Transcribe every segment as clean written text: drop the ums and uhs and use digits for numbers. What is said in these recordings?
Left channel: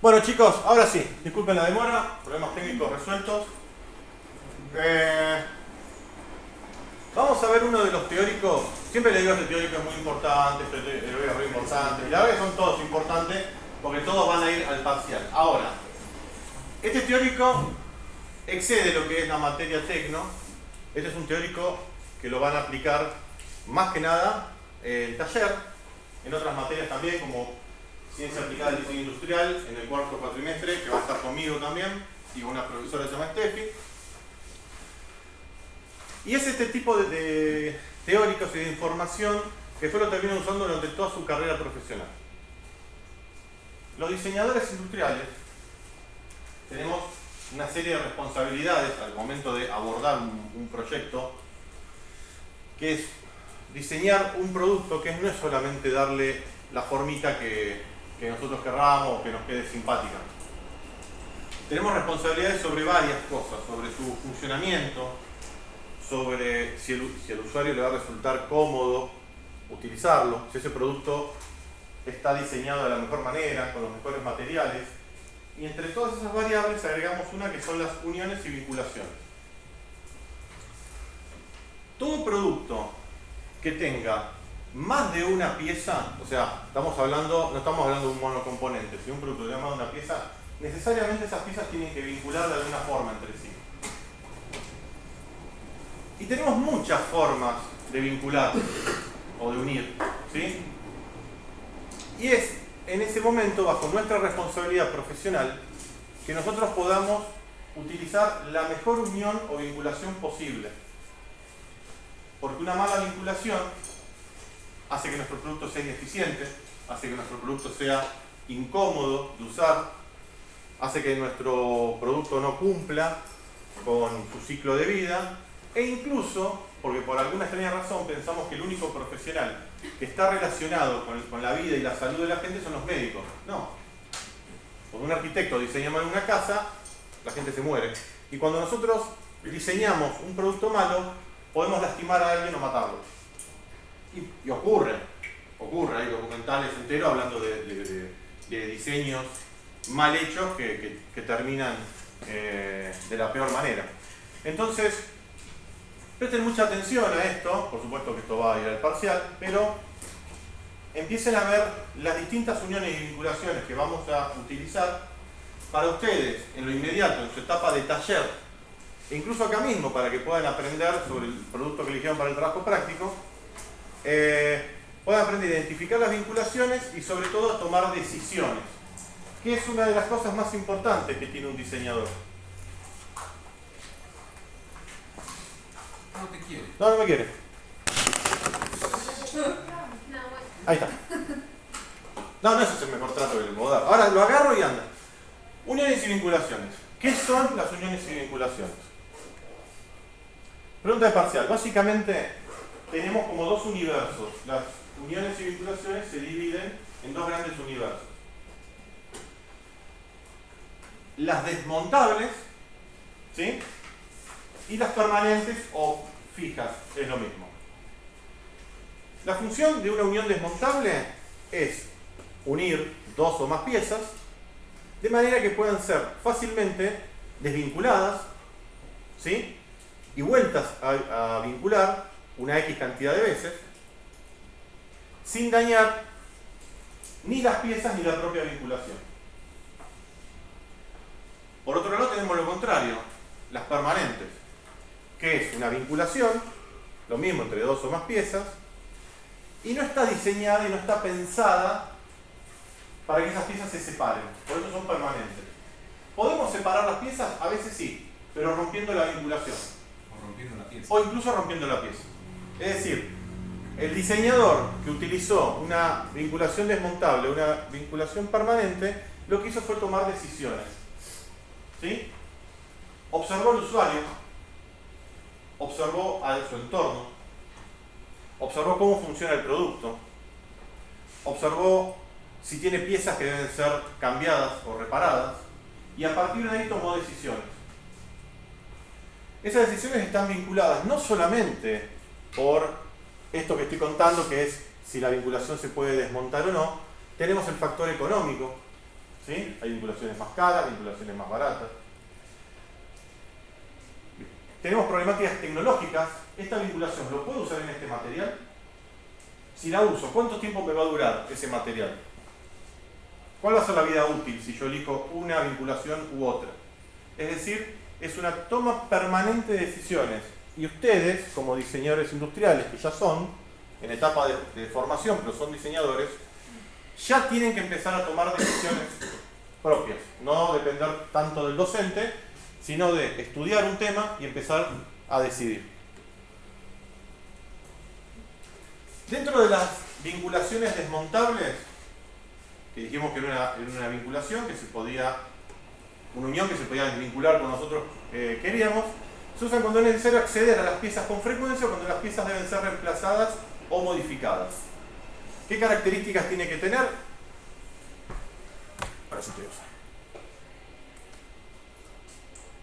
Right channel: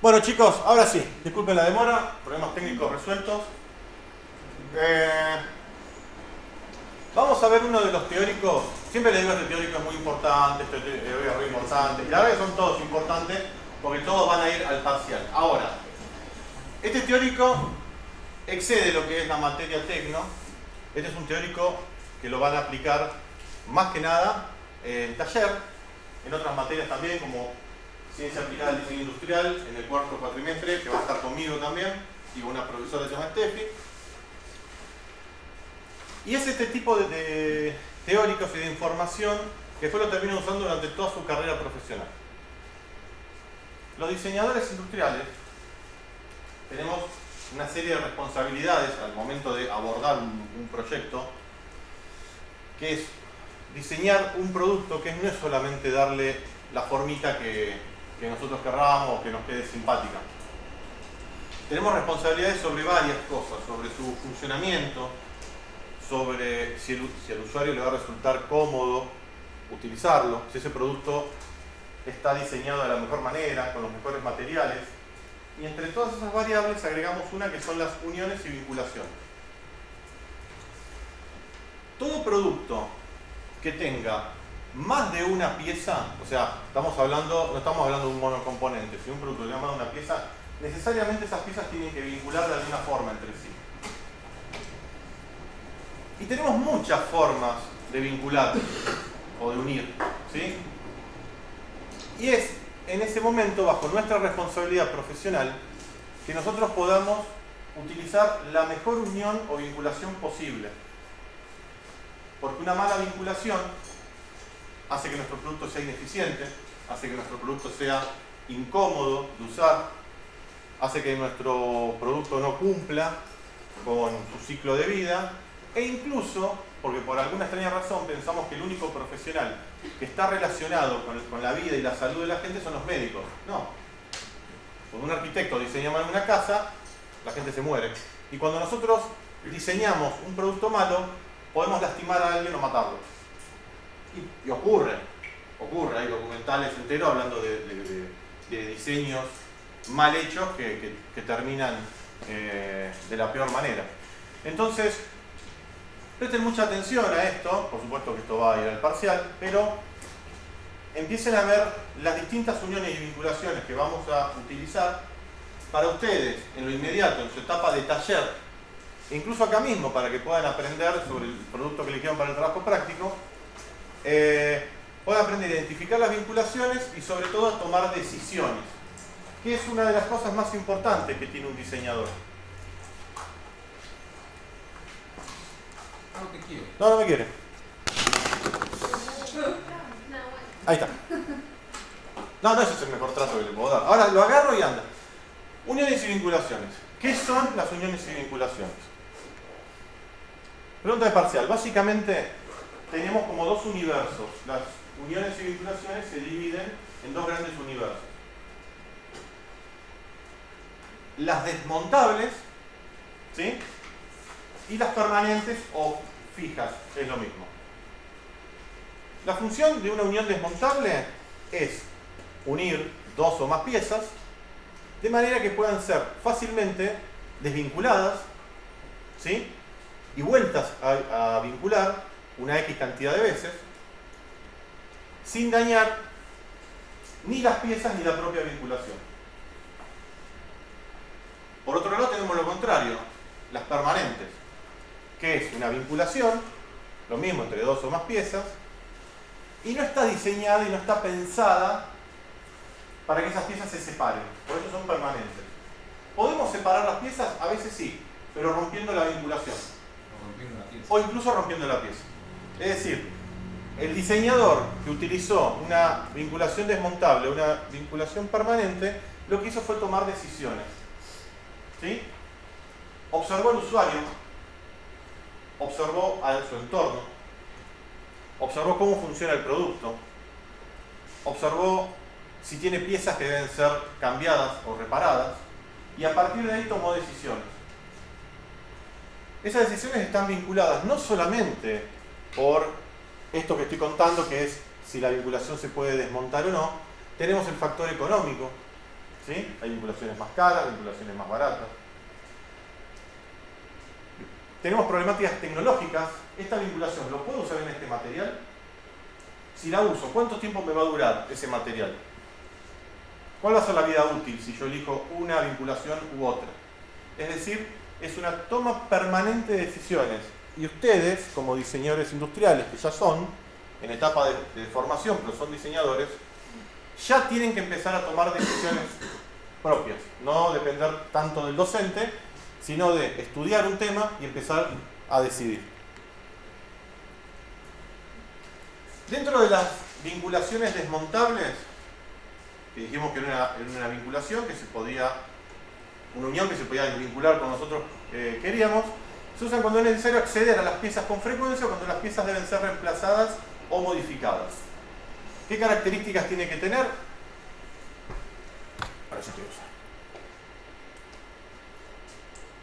Bueno chicos, ahora sí, disculpen la demora, problemas técnicos resueltos. Vamos a ver uno de los teóricos. Siempre le digo que el teórico es muy importante, este teórico es muy importante, y la verdad que son todos importantes porque todos van a ir al parcial. Ahora, este teórico excede lo que es la materia tecno. Este es un teórico que lo van a aplicar más que nada en taller, en otras materias también, como Ciencia Aplicada al Diseño Industrial, en el cuarto cuatrimestre, que va a estar conmigo también, y con una profesora que se llama Steffi. Y es este tipo de teóricos y de información que después lo terminan usando durante toda su carrera profesional. Los diseñadores industriales tenemos una serie de responsabilidades al momento de abordar un proyecto, que es diseñar un producto que no es solamente darle la formita que nosotros querramos o que nos quede simpática. Tenemos responsabilidades sobre varias cosas, sobre su funcionamiento, sobre si el usuario le va a resultar cómodo utilizarlo, si ese producto está diseñado de la mejor manera, con los mejores materiales. Y entre todas esas variables agregamos una que son las uniones y vinculaciones. Todo producto que tenga más de una pieza, o sea, no estamos hablando de un monocomponente, sino un producto que tenga más de una pieza, necesariamente esas piezas tienen que vincular de alguna forma entre sí. Y tenemos muchas formas de vincular o de unir, ¿sí? Y es en ese momento, bajo nuestra responsabilidad profesional, que nosotros podamos utilizar la mejor unión o vinculación posible. Porque una mala vinculación hace que nuestro producto sea ineficiente, hace que nuestro producto sea incómodo de usar, hace que nuestro producto no cumpla con su ciclo de vida, e incluso, porque por alguna extraña razón pensamos que el único profesional que está relacionado con la vida y la salud de la gente son los médicos. No. Cuando un arquitecto diseña mal una casa, la gente se muere. Y cuando nosotros diseñamos un producto malo, podemos lastimar a alguien o matarlo. Y ocurre, hay documentales enteros hablando de diseños mal hechos que terminan de la peor manera. Entonces, presten mucha atención a esto, por supuesto que esto va a ir al parcial, pero empiecen a ver las distintas uniones y vinculaciones que vamos a utilizar para ustedes en lo inmediato, en su etapa de taller, e incluso acá mismo para que puedan aprender sobre el producto que eligieron para el trabajo práctico, puedan aprender a identificar las vinculaciones y sobre todo a tomar decisiones, que es una de las cosas más importantes que tiene un diseñador. No te quiere. No me quiere. Ahí está. No, ese es el mejor trato que le puedo dar. Ahora lo agarro y anda. Uniones y vinculaciones. ¿Qué son las uniones y vinculaciones? Pregunta de parcial. Básicamente tenemos como dos universos. Las uniones y vinculaciones se dividen en dos grandes universos. Las desmontables, ¿sí? Y las permanentes o fijas, es lo mismo. La función de una unión desmontable es unir dos o más piezas de manera que puedan ser fácilmente desvinculadas, ¿sí? Y vueltas a vincular una X cantidad de veces sin dañar ni las piezas ni la propia vinculación. Por otro lado tenemos lo contrario, las permanentes, que es una vinculación, lo mismo entre dos o más piezas, y no está diseñada y no está pensada para que esas piezas se separen, por eso son permanentes. ¿Podemos separar las piezas? A veces sí, pero rompiendo la vinculación. O rompiendo la pieza. O incluso rompiendo la pieza. Es decir, el diseñador que utilizó una vinculación desmontable, una vinculación permanente, lo que hizo fue tomar decisiones. ¿Sí? Observó al usuario, observó a su entorno, observó cómo funciona el producto, observó si tiene piezas que deben ser cambiadas o reparadas, y a partir de ahí tomó decisiones. Esas decisiones están vinculadas no solamente por esto que estoy contando, que es si la vinculación se puede desmontar o no, Tenemos el factor económico, ¿sí? Hay vinculaciones más caras, vinculaciones más baratas. Tenemos problemáticas tecnológicas. ¿Esta vinculación lo puedo usar en este material? Si la uso, ¿cuánto tiempo me va a durar ese material? ¿Cuál va a ser la vida útil si yo elijo una vinculación u otra? Es decir, es una toma permanente de decisiones. Y ustedes, como diseñadores industriales, que ya son, en etapa de formación, pero son diseñadores, ya tienen que empezar a tomar decisiones propias. No depender tanto del docente, sino de estudiar un tema y empezar a decidir. Dentro de las vinculaciones desmontables, que dijimos que era una vinculación, que se podía, una unión que se podía vincular con nosotros queríamos, se usan cuando es necesario acceder a las piezas con frecuencia o cuando las piezas deben ser reemplazadas o modificadas. ¿Qué características tiene que tener? Ahora sí te uso.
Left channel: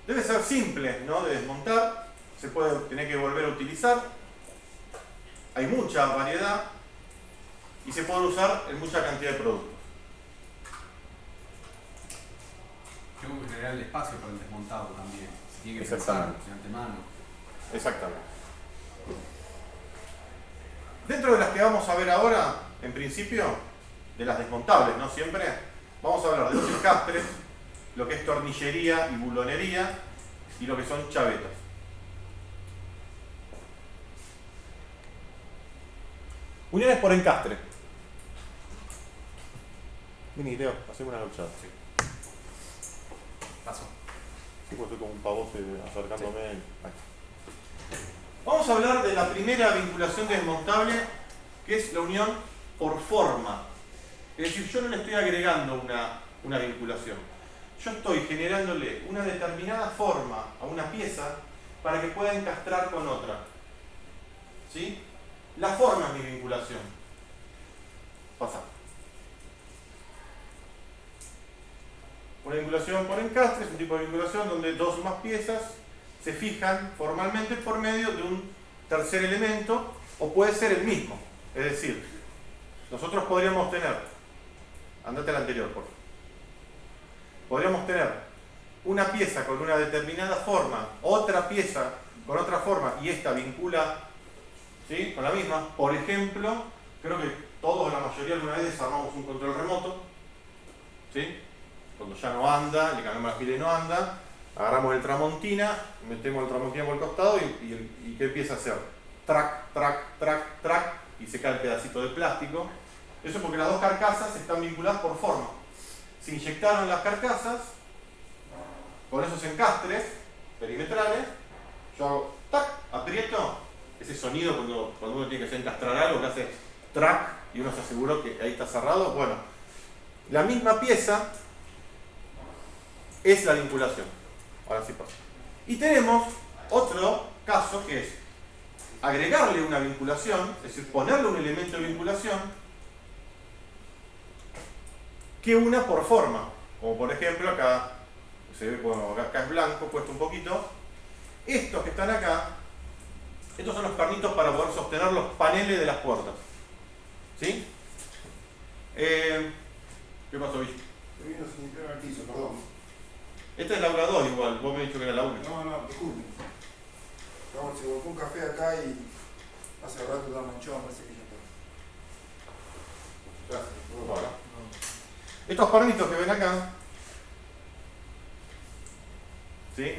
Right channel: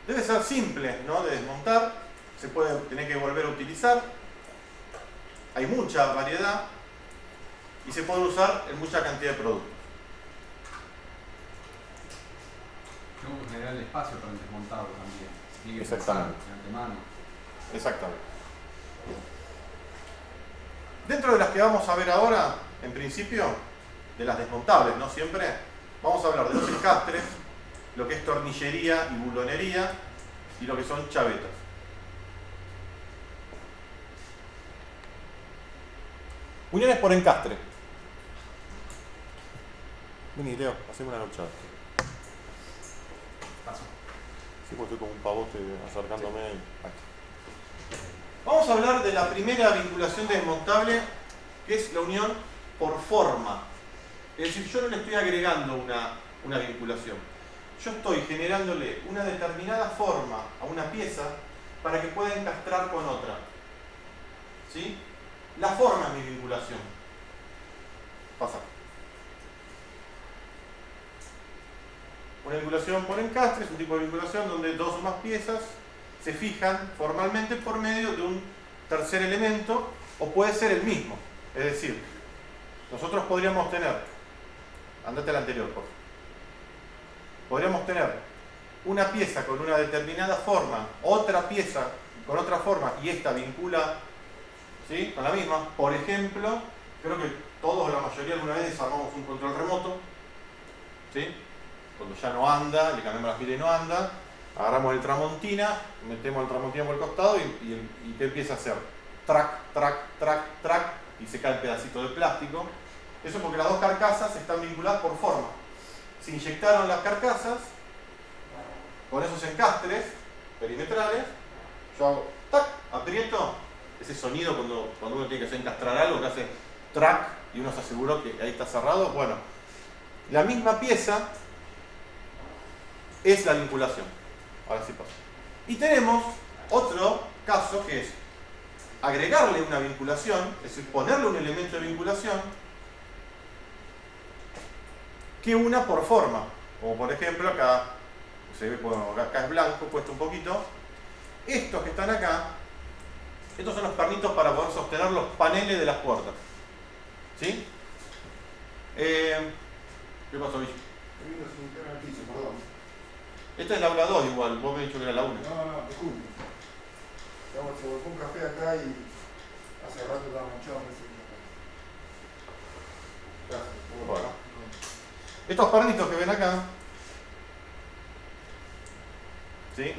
Debe ser simple, ¿no?, de desmontar, se puede tener que volver a utilizar, hay mucha variedad y se puede usar en mucha cantidad de productos. Tengo que generar el espacio para el desmontado también. Tiene que Exactamente. pensar de antemano. Exactamente. Dentro de las que vamos a ver ahora, en principio, de las desmontables, no siempre, vamos a hablar de los encastres, lo que es tornillería y bulonería y lo que son chavetas. Uniones por encastre. Vení, Leo, haceme una luchada. Sí. Paso. Sí, porque estoy como un pavote acercándome. Aquí. Vamos a hablar de la primera vinculación desmontable, que es la unión por forma. Es decir, yo no le estoy agregando una vinculación. Yo estoy generándole una determinada forma a una pieza para que pueda encastrar con otra. ¿Sí? La forma es mi vinculación. Pasa. Una vinculación por encastre es un tipo de vinculación donde dos o más piezas se fijan formalmente por medio de un tercer elemento o puede ser el mismo. Es decir, nosotros podríamos tener, andate al anterior, por favor. Podríamos tener una pieza con una determinada forma, otra pieza con otra forma y esta vincula, ¿sí?, con la misma. Por ejemplo, creo que todos o la mayoría alguna vez desarmamos un control remoto, ¿sí? Cuando ya no anda, le cambiamos la pila y no anda, agarramos el Tramontina, metemos el Tramontina por el costado y ¿qué empieza a hacer? Track, track, track, track, y se cae el pedacito de plástico. Eso es porque las dos carcasas están vinculadas por forma. Se inyectaron las carcasas con esos encastres perimetrales. Yo hago tac, aprieto, ese sonido cuando uno tiene que hacer encastrar algo, que hace track y uno se aseguró que ahí está cerrado. Bueno, la misma pieza es la vinculación. Ahora sí pasa. Y tenemos otro caso que es agregarle una vinculación, es decir, ponerle un elemento de vinculación que una por forma. Como por ejemplo acá, se ve como acá es blanco, cuesta un poquito. Estos que están acá, estos son los pernitos para poder sostener los paneles de las puertas. ¿Sí? ¿Qué pasó, Bicho? Esta es la aula 2 igual, vos me has dicho que era la 1. No, disculpe. Vamos, se volcó un café acá y hace rato la manchado, me parece que ya está. Gracias, vamos para acá. Estos pernitos que ven acá, ¿sí?,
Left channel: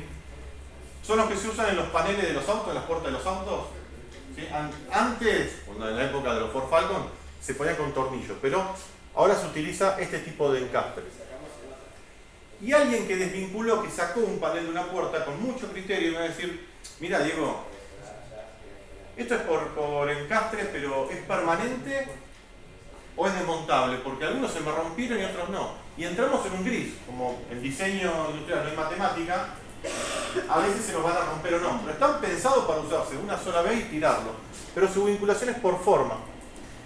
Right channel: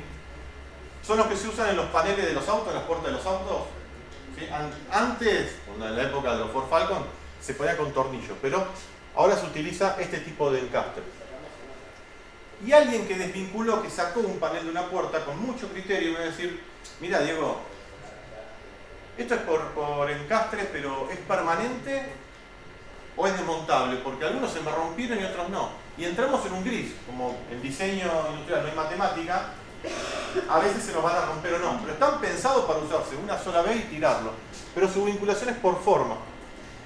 son los que se usan en los paneles de los autos, en las puertas de los autos. ¿Sí? Antes, en la época de los Ford Falcon, se ponía con tornillos, pero ahora se utiliza este tipo de encastre. Y alguien que desvinculó, que sacó un panel de una puerta con mucho criterio, me va a decir, mira Diego, esto es por encastre, pero ¿es permanente o es desmontable? Porque algunos se me rompieron y otros no. Y entramos en un gris, como el diseño industrial no es matemática, a veces se nos van a romper o no. Pero están pensados para usarse una sola vez y tirarlo. Pero su vinculación es por forma.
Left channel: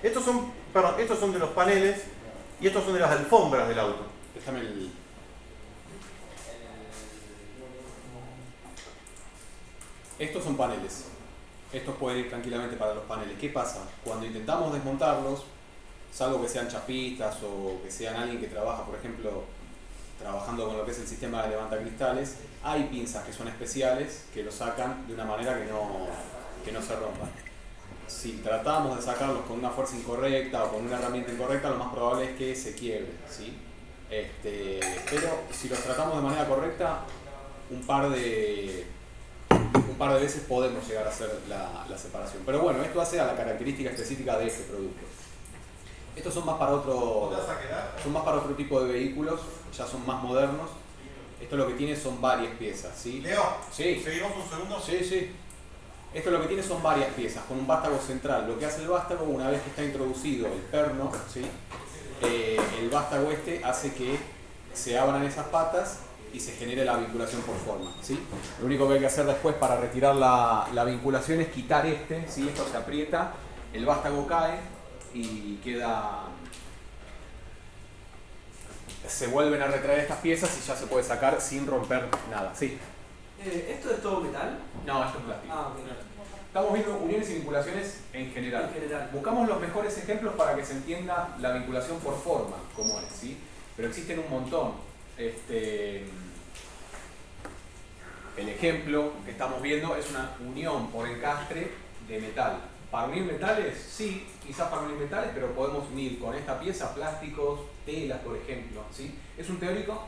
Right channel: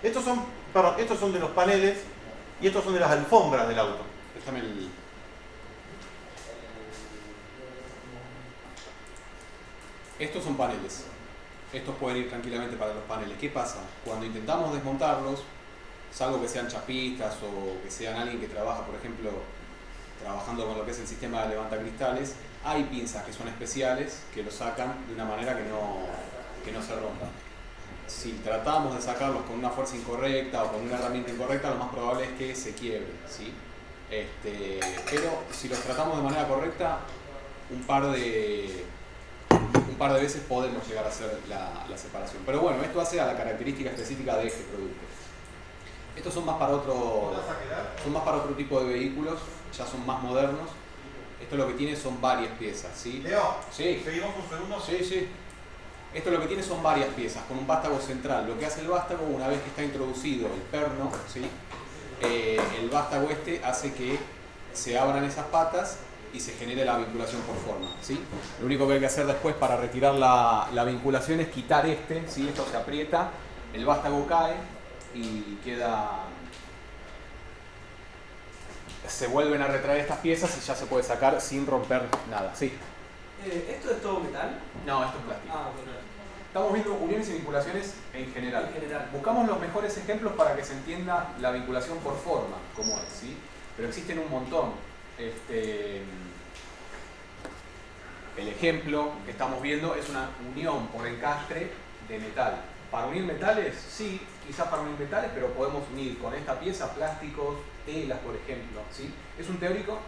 Estos son de los paneles y estos son de las alfombras del auto. Déjame el... Estos son paneles. Estos pueden ir tranquilamente para los paneles. ¿Qué pasa? Cuando intentamos desmontarlos, salvo que sean chapistas o que sean alguien que trabaja, por ejemplo, trabajando con lo que es el sistema de levantacristales, hay pinzas que son especiales que lo sacan de una manera que no se rompan. Si tratamos de sacarlos con una fuerza incorrecta o con una herramienta incorrecta, lo más probable es que se quiebre, ¿sí? Pero si los tratamos de manera correcta, un par de veces podemos llegar a hacer la separación. Pero bueno, esto hace a la característica específica de este producto. Estos son más para otro tipo de vehículos, ya son más modernos. Esto lo que tiene son varias piezas, ¿sí? Leo, Sí. ¿seguimos un segundo? Sí, sí. Esto lo que tiene son varias piezas, con un vástago central. Lo que hace el vástago, una vez que está introducido el perno, ¿sí? El vástago hace que se abran esas patas y se genere la vinculación por forma, ¿sí? Lo único que hay que hacer después para retirar la vinculación es quitar ¿sí? Esto se aprieta, el vástago cae y queda... Se vuelven a retraer estas piezas y ya se puede sacar sin romper nada, ¿sí? ¿Esto es todo metal? No, esto es plástico. Ah, ok. Estamos viendo uniones y vinculaciones en general. En general. Buscamos los mejores ejemplos para que se entienda la vinculación por forma, como es, ¿sí? Pero existen un montón. El ejemplo que estamos viendo es una unión por encastre de metal. Para unir metales, sí, quizás para unir metales, pero podemos unir con esta pieza plásticos, telas, por ejemplo, ¿sí? Es un teórico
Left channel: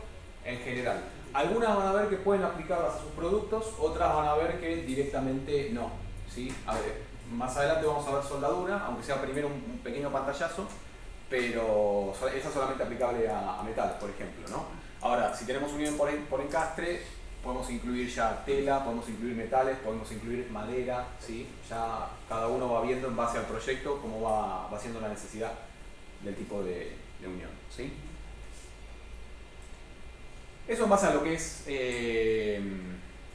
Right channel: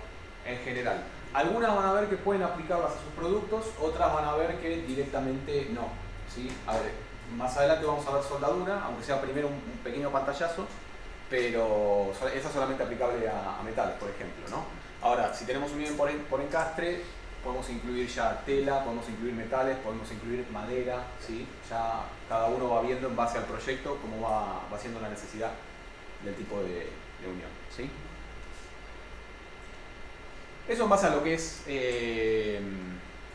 en general. Algunas van a ver que pueden aplicarlas a sus productos, otras van a ver que directamente no, ¿sí? A ver, más adelante vamos a ver soldadura, aunque sea primero un pequeño pantallazo, pero eso es solamente aplicable a metales, por ejemplo, ¿no? Ahora, si tenemos unión por encastre, podemos incluir ya tela, podemos incluir metales, podemos incluir madera, ¿sí? Ya cada uno va viendo en base al proyecto cómo va siendo la necesidad del tipo de unión, ¿sí? Eso en base a lo que es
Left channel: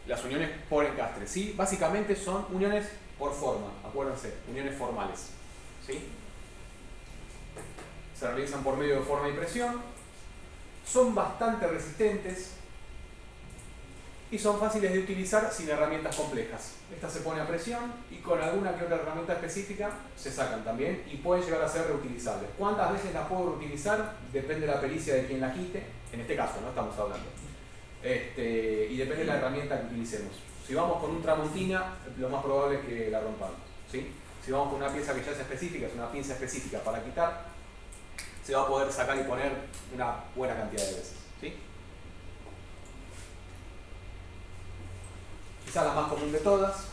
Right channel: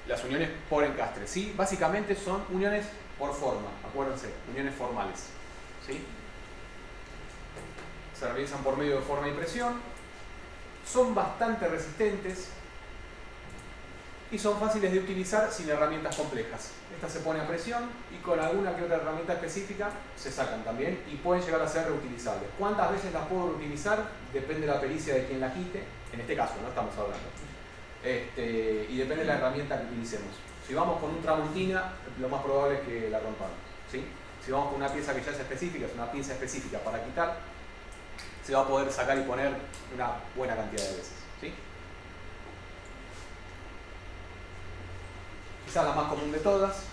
las uniones por encastre, ¿sí? Básicamente son uniones por forma, acuérdense, uniones formales, ¿sí? Se realizan por medio de forma y presión, son bastante resistentes y son fáciles de utilizar sin herramientas complejas. Esta se pone a presión y con alguna que otra herramienta específica se sacan también y pueden llegar a ser reutilizables. ¿Cuántas veces las puedo reutilizar? Depende de la pericia de quien la quite, en este caso, no estamos hablando. Y depende de la herramienta que utilicemos. Si vamos con un tramontina, lo más probable es que la rompamos, ¿sí? Si vamos con una pieza que ya es específica, es una pinza específica para quitar, se va a poder sacar y poner una buena cantidad de veces, ¿sí? Quizás la más común de todas,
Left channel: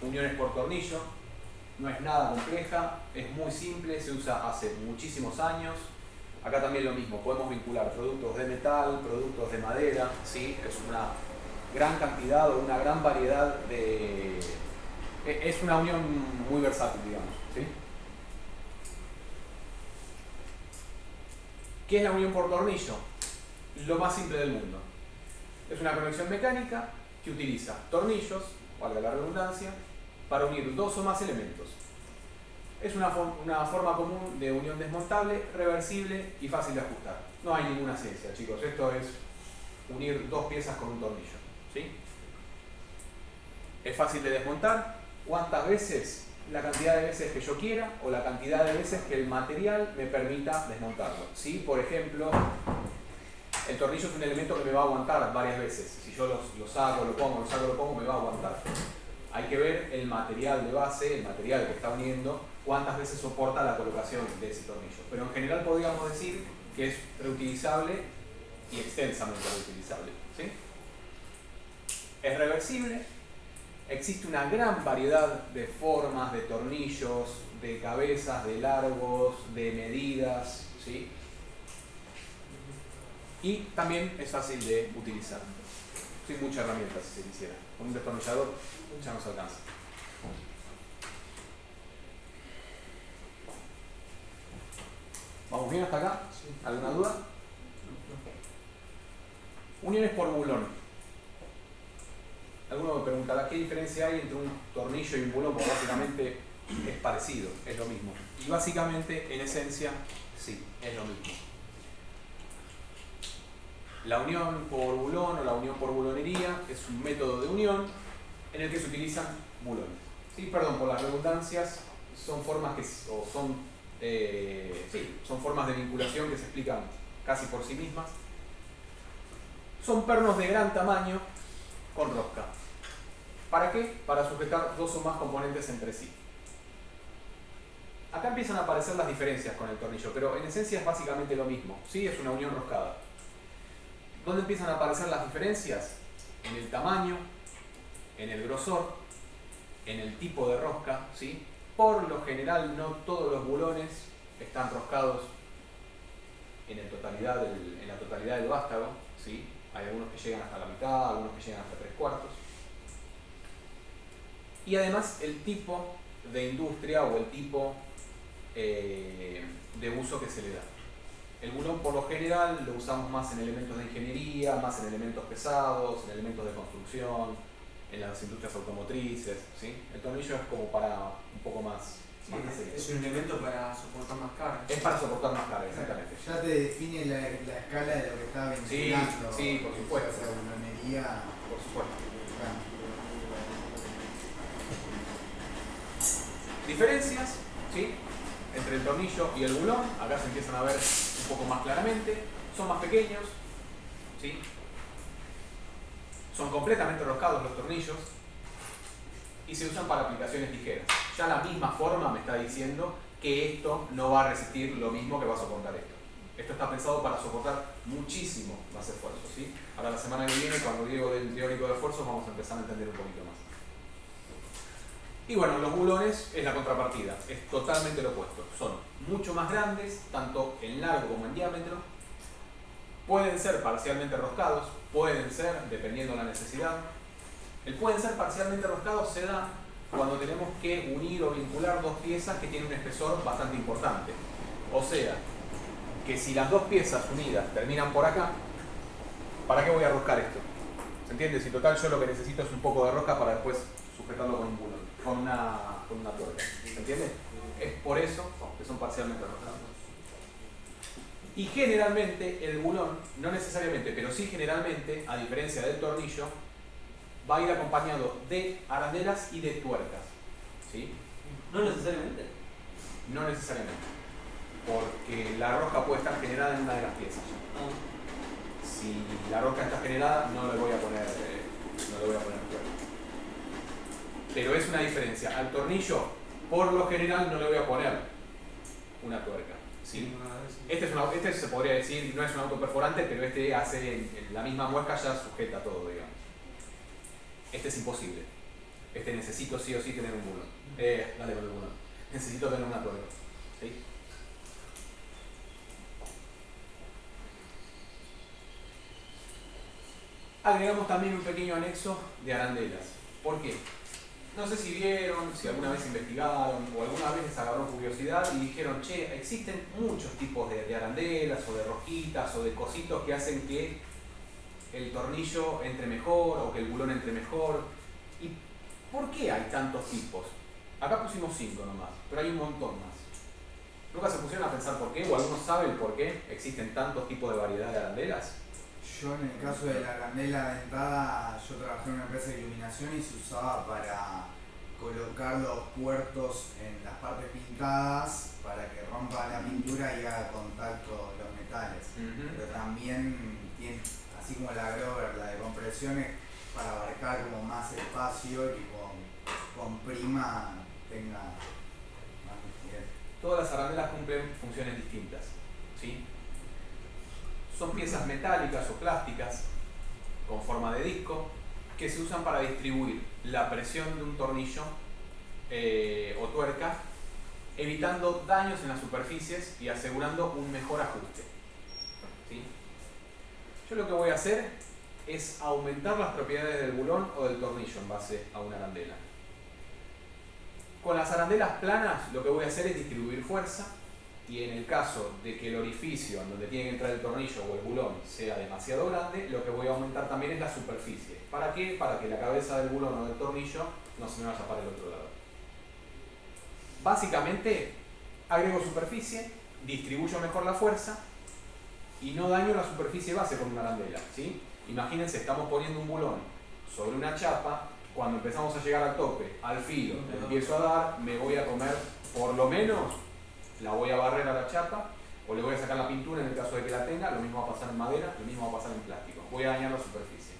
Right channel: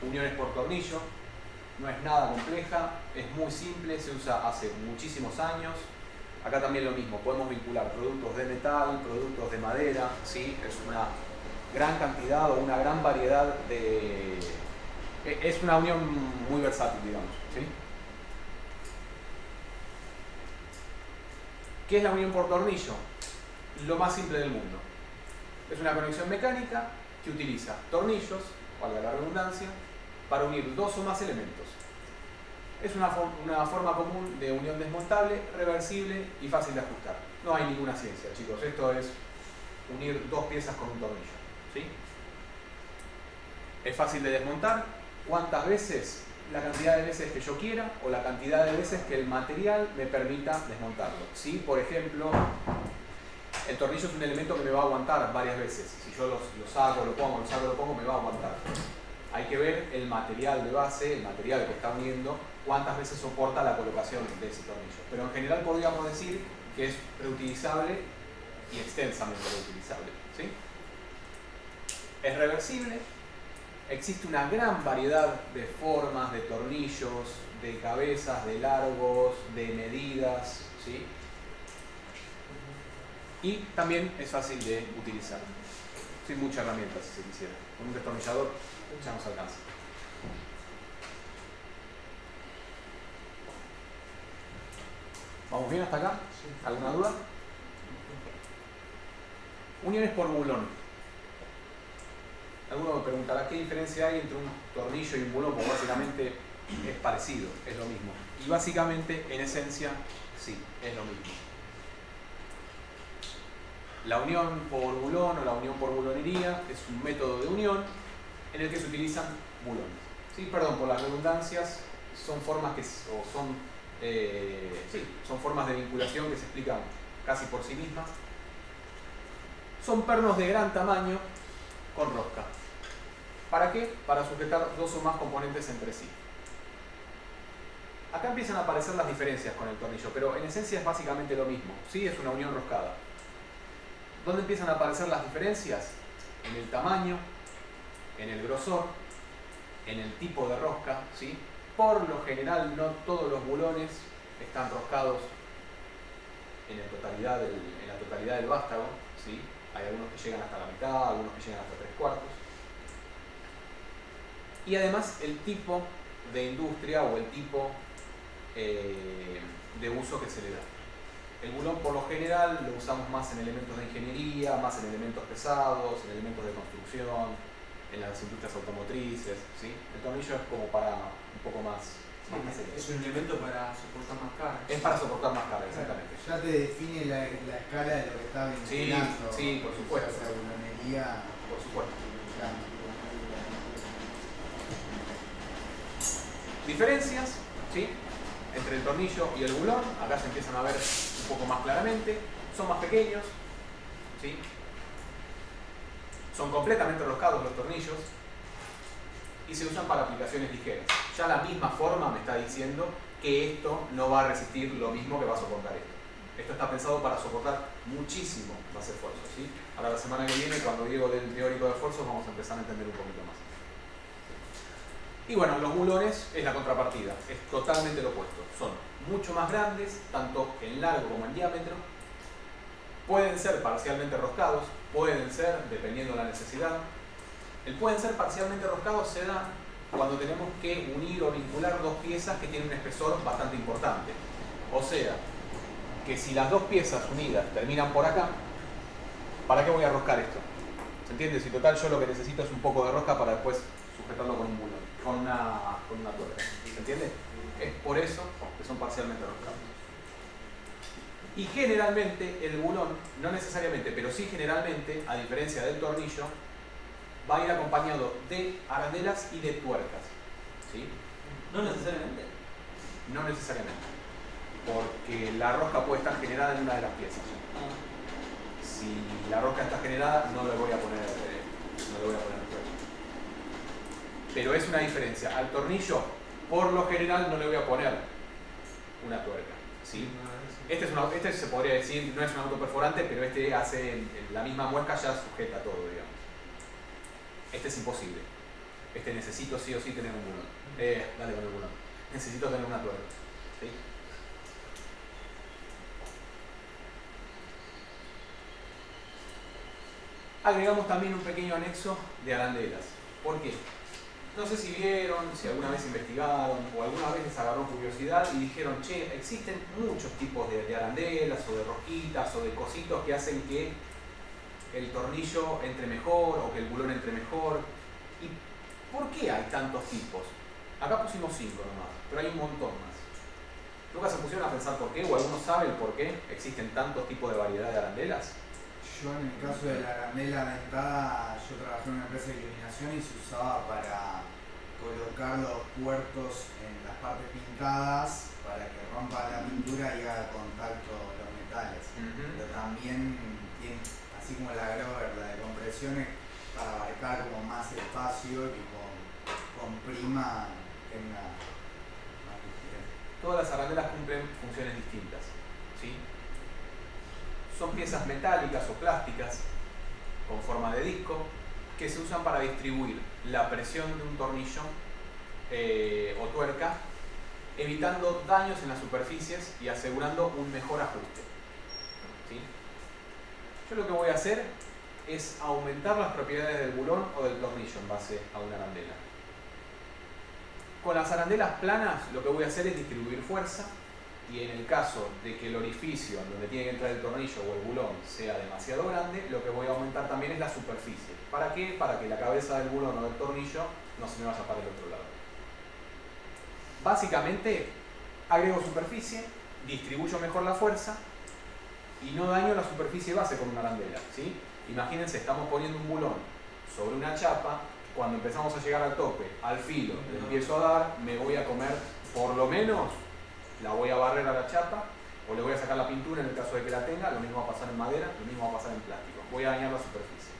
uniones por tornillo. No es nada compleja, es muy simple, se usa hace muchísimos años. Acá también lo mismo, podemos vincular productos de metal, productos de madera, ¿sí? Es una gran cantidad o una gran variedad de... Es una unión muy versátil, digamos, ¿sí? ¿Qué es la unión por tornillo? Lo más simple del mundo. Es una conexión mecánica que utiliza tornillos, valga la redundancia, para unir dos o más elementos. Es una forma común de unión desmontable, reversible y fácil de ajustar. No hay ninguna ciencia, chicos. Esto es unir dos piezas con un tornillo, ¿sí? Es fácil de desmontar. ¿Cuántas veces? La cantidad de veces que yo quiera o la cantidad de veces que el material me permita desmontarlo, ¿sí? Por ejemplo, el tornillo es un elemento que me va a aguantar varias veces. Si yo lo saco, lo pongo, me va a aguantar. Hay que ver el material de base, el material que está uniendo, cuántas veces soporta la colocación de ese tornillo. Pero en general podríamos decir que es reutilizable y extensamente reutilizable, ¿sí? Es reversible. Existe una gran variedad de formas, de tornillos, de cabezas, de largos, de medidas, ¿sí? Y también es fácil de utilizar, sin muchas herramientas si se quisiera. Con un destornillador ya nos alcanza. ¿Vamos bien hasta acá? ¿Alguna duda? Uniones por bulón. Alguno me preguntará qué diferencia hay entre un tornillo y un bulón, porque básicamente es parecido, es lo mismo. Y básicamente, en esencia, sí, es lo mismo. La unión por bulón o la unión por bulonería es un método de unión en el que se utilizan bulones. ¿Sí? Perdón por las redundancias, son formas que son Sí, son formas de vinculación que se explican casi por sí mismas. Son pernos de gran tamaño con rosca. ¿Para qué? Para sujetar dos o más componentes entre sí. Acá empiezan a aparecer las diferencias con el tornillo, pero en esencia es básicamente lo mismo. ¿Sí? Es una unión roscada. ¿Dónde empiezan a aparecer las diferencias? En el tamaño, en el grosor, en el tipo de rosca, ¿sí? Por lo general no todos los bulones están roscados en la totalidad del vástago, ¿sí? Hay algunos que llegan hasta la mitad, algunos que llegan hasta 3/4. Y además el tipo de industria o el tipo de uso que se le da. El bulón por lo general lo usamos más en elementos de ingeniería, más en elementos pesados, en elementos de construcción, en las industrias automotrices, ¿sí? El tornillo es como para un poco más. Es un elemento para soportar más carga. Es para soportar más carga, exactamente. Ya te define la escala de lo que está vinculando. Sí, por supuesto. O sea, bulonería. Por supuesto. Diferencias, ¿sí? Entre el tornillo y el bulón, acá se empiezan a ver un poco más claramente. Son más pequeños, ¿sí? Son completamente roscados los tornillos y se usan para aplicaciones ligeras. Ya la misma forma me está diciendo que esto no va a resistir lo mismo que va a soportar esto. Esto está pensado para soportar muchísimo más esfuerzo, ¿sí? Ahora la semana que viene, cuando digo del teórico de esfuerzos, vamos a empezar a entender un poquito más. Y bueno, los bulones es la contrapartida, es totalmente lo opuesto. Son mucho más grandes, tanto en largo como en diámetro. Pueden ser parcialmente roscados, pueden ser, dependiendo de la necesidad. El pueden ser parcialmente roscados se da cuando tenemos que unir o vincular dos piezas que tienen un espesor bastante importante. O sea, que si las dos piezas unidas terminan por acá, ¿para qué voy a roscar esto? ¿Se entiende? Si total yo lo que necesito es un poco de rosca para después sujetarlo con un bulón, con una tuerca. ¿Se entiende? Es por eso que son parcialmente roscados. Y generalmente el bulón, no necesariamente, pero sí generalmente, a diferencia del tornillo, va a ir acompañado de arandelas y de tuercas. ¿Sí? No necesariamente. No necesariamente. Porque la rosca puede estar generada en una de las piezas. Si la rosca está generada, no le voy a poner tuerca. Pero es una diferencia. Al tornillo, por lo general, no le voy a poner una tuerca. ¿Sí? Este se podría decir, no es un autoperforante, pero este hace en la misma muesca, ya sujeta todo, digamos. Este es imposible. Este necesito sí o sí tener un bulón. Dale con el bulón. Necesito tener una tuerca. ¿Sí? Agregamos también un pequeño anexo de arandelas. ¿Por qué? No sé si vieron, si alguna vez investigaron o alguna vez les agarró curiosidad y dijeron, che, existen muchos tipos de arandelas o de rosquitas o de cositos que hacen que el tornillo entre mejor o que el bulón entre mejor. ¿Y por qué hay tantos tipos? Acá pusimos 5 nomás, pero hay un montón más. ¿Nunca se pusieron a pensar por qué? ¿O alguno sabe el por qué existen tantos tipos de variedad de arandelas? Yo en el caso de la arandela dentada, yo trabajé en una empresa de iluminación y se usaba para colocar los puertos en las partes pintadas para que rompa la pintura y haga contacto los metales. Pero también tiene, así como la Grover, la de compresiones, para abarcar como más espacio y con prima tenga más rigidez. Todas las arandelas cumplen funciones distintas, ¿sí? Son piezas metálicas o plásticas con forma de disco que se usan para distribuir la presión de un tornillo o tuerca, evitando daños en las superficies y asegurando un mejor ajuste. ¿Sí? Yo lo que voy a hacer es aumentar las propiedades del bulón o del tornillo en base a una arandela. Con las arandelas planas lo que voy a hacer es distribuir fuerza, y en el caso de que el orificio en donde tiene que entrar el tornillo o el bulón sea demasiado grande, lo que voy a aumentar también es la superficie. ¿Para qué? Para que la cabeza del bulón o del tornillo no se me vaya para el otro lado. Básicamente, agrego superficie, distribuyo mejor la fuerza y no daño la superficie base con una arandela, ¿sí? Imagínense, estamos poniendo un bulón sobre una chapa, cuando empezamos a llegar al tope, al filo, me empiezo a dar, me voy a comer por lo menos la voy a barrer a la chapa o le voy a sacar la pintura en el caso de que la tenga, lo mismo va a pasar en madera, lo mismo va a pasar en plástico. Voy a dañar la superficie.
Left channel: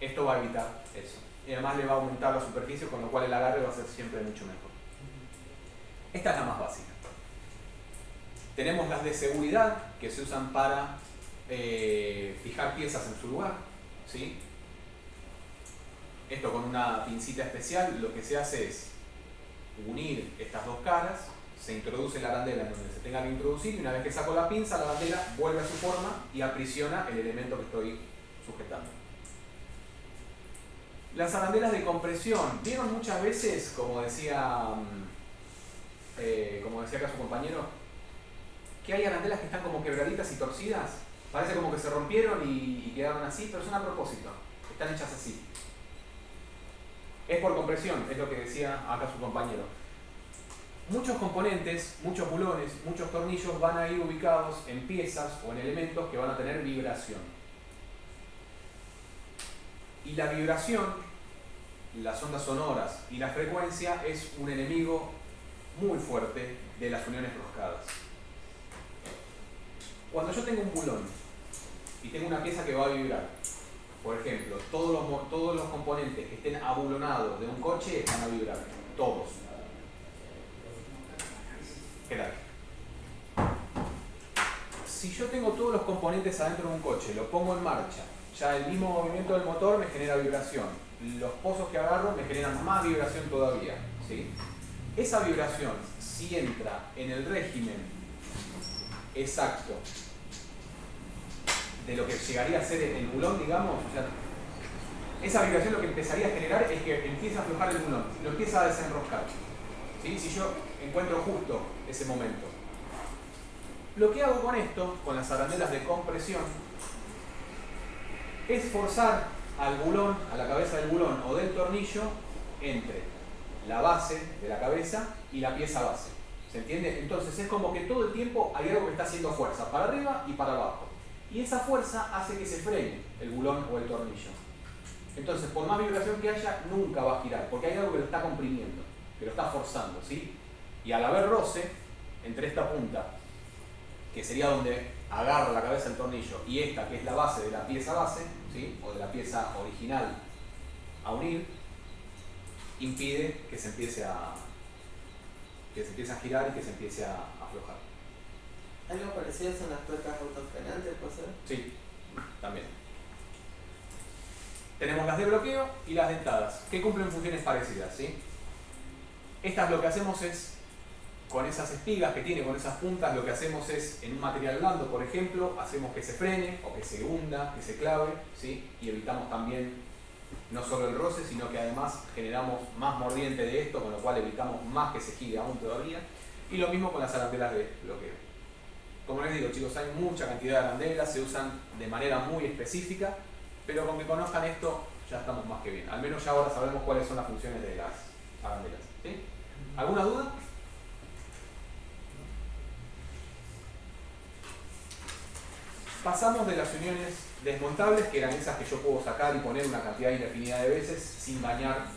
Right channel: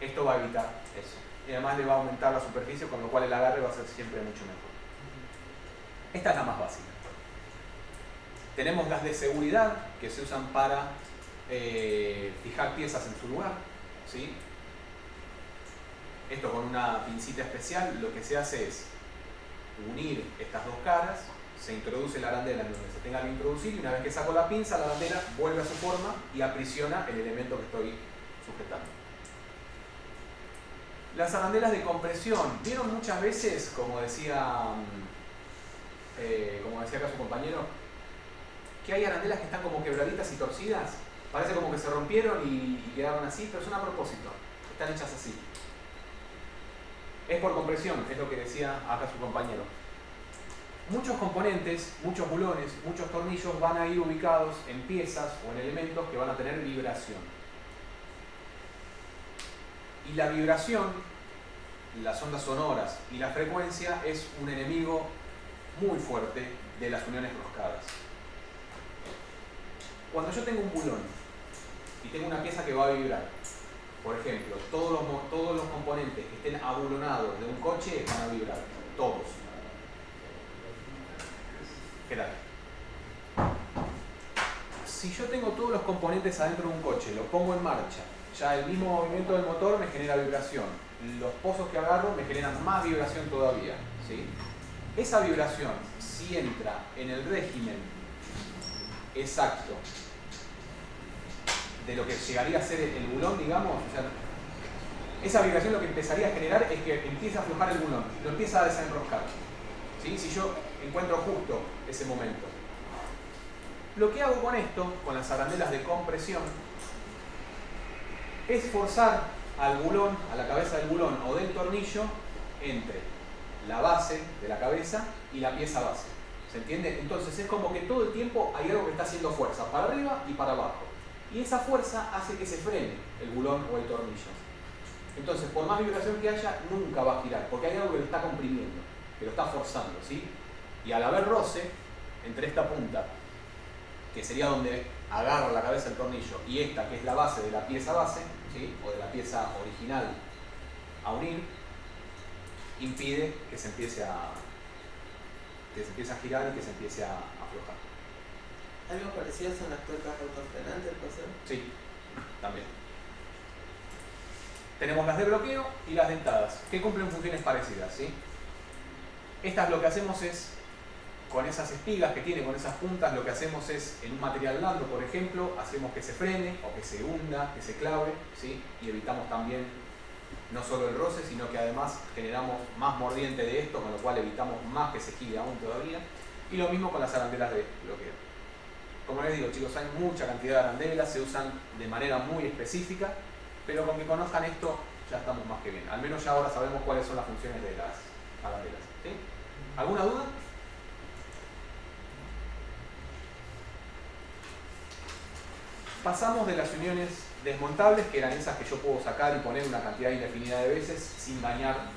Esto va a evitar eso. Y además le va a aumentar la superficie, con lo cual el agarre va a ser siempre mucho mejor. Esta es la más básica. Tenemos las de seguridad que se usan para fijar piezas en su lugar, ¿sí? Esto con una pincita especial lo que se hace es unir estas dos caras, se introduce la arandela en donde se tenga que introducir y una vez que saco la pinza, la arandela vuelve a su forma y aprisiona el elemento que estoy sujetando. Las arandelas de compresión, ¿vieron muchas veces, como decía acá su compañero, que hay arandelas que están como quebraditas y torcidas? Parece como que se rompieron y quedaron así, pero son a propósito, están hechas así. Es por compresión, es lo que decía acá su compañero. Muchos componentes, muchos bulones, muchos tornillos van a ir ubicados en piezas o en elementos que van a tener vibración. Y la vibración, las ondas sonoras y la frecuencia es un enemigo muy fuerte de las uniones roscadas. Cuando yo tengo un bulón y tengo una pieza que va a vibrar, por ejemplo, todos los componentes que estén abulonados de un coche van a vibrar, todos. ¿Qué tal? Si yo tengo todos los componentes adentro de un coche, los pongo en marcha, ya el mismo movimiento del motor me genera vibración, los pozos que agarro me generan más vibración todavía, ¿sí? Esa vibración, si entra en el régimen exacto de lo que llegaría a ser el bulón, digamos, o sea, esa vibración lo que empezaría a generar es que empieza a aflojar el bulón, lo empieza a desenroscar, ¿sí? Si yo encuentro justo ese momento. Lo que hago con esto, con las arandelas de compresión, es forzar al bulón, a la cabeza del bulón o del tornillo, entre la base de la cabeza y la pieza base. ¿Se entiende? Entonces es como que todo el tiempo hay algo que está haciendo fuerza, para arriba y para abajo. Y esa fuerza hace que se frene el bulón o el tornillo. Entonces, por más vibración que haya, nunca va a girar, porque hay algo que lo está comprimiendo, que lo está forzando, ¿sí? Y al haber roce entre esta punta, que sería donde agarra la cabeza del tornillo, y esta, que es la base de la pieza base, ¿sí? O de la pieza original a unir, impide que se empiece a girar y que se empiece a aflojar. Algo parecido son las tuercas autofrenantes, ¿puede ser? Sí, también. Tenemos las de bloqueo y las dentadas, que cumplen funciones parecidas, ¿sí? Estas lo que hacemos es, con esas espigas que tiene, con esas puntas, lo que hacemos es, en un material blando, por ejemplo, hacemos que se frene o que se hunda, que se clave, ¿sí? Y evitamos también no solo el roce, sino que además generamos más mordiente de esto, con lo cual evitamos más que se gire aún todavía. Y lo mismo con las arandelas de bloqueo. Como les digo, chicos, hay mucha cantidad de arandelas, se usan de manera muy específica, pero con que conozcan esto ya estamos más que bien. Al menos ya ahora sabemos cuáles son las funciones de las arandelas, ¿sí? ¿Alguna duda? Pasamos de las uniones desmontables, que eran esas que yo puedo sacar y poner una cantidad indefinida de veces sin dañar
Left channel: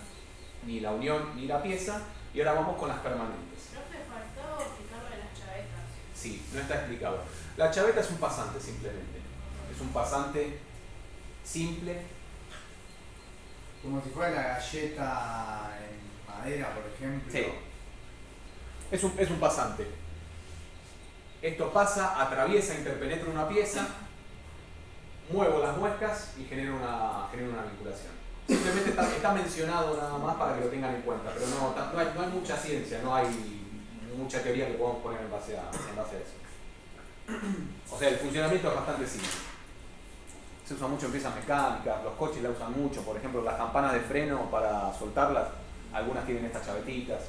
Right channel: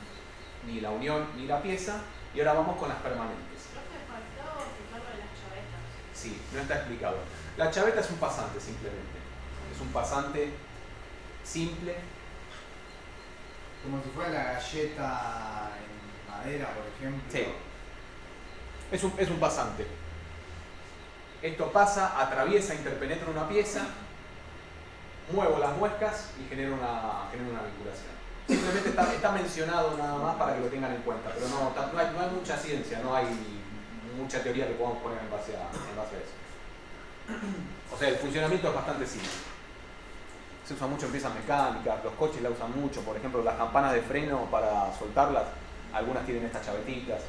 ni la unión ni la pieza, y ahora vamos con las permanentes. Profe, faltó explicar lo de las chavetas. Sí, no está explicado. La chaveta es un pasante simplemente. Es un pasante simple. Como si fuera la galleta en madera, por ejemplo. Sí. Es un pasante. Esto pasa, atraviesa, interpenetra una pieza, muevo las muescas y genero una vinculación. Simplemente está mencionado nada más para que lo tengan en cuenta, pero no hay mucha ciencia, no hay mucha teoría que podamos poner en base a eso. O sea, el funcionamiento es bastante simple. Se usa mucho en piezas mecánicas, los coches la usan mucho, por ejemplo las campanas de freno para soltarlas, algunas tienen estas chavetitas.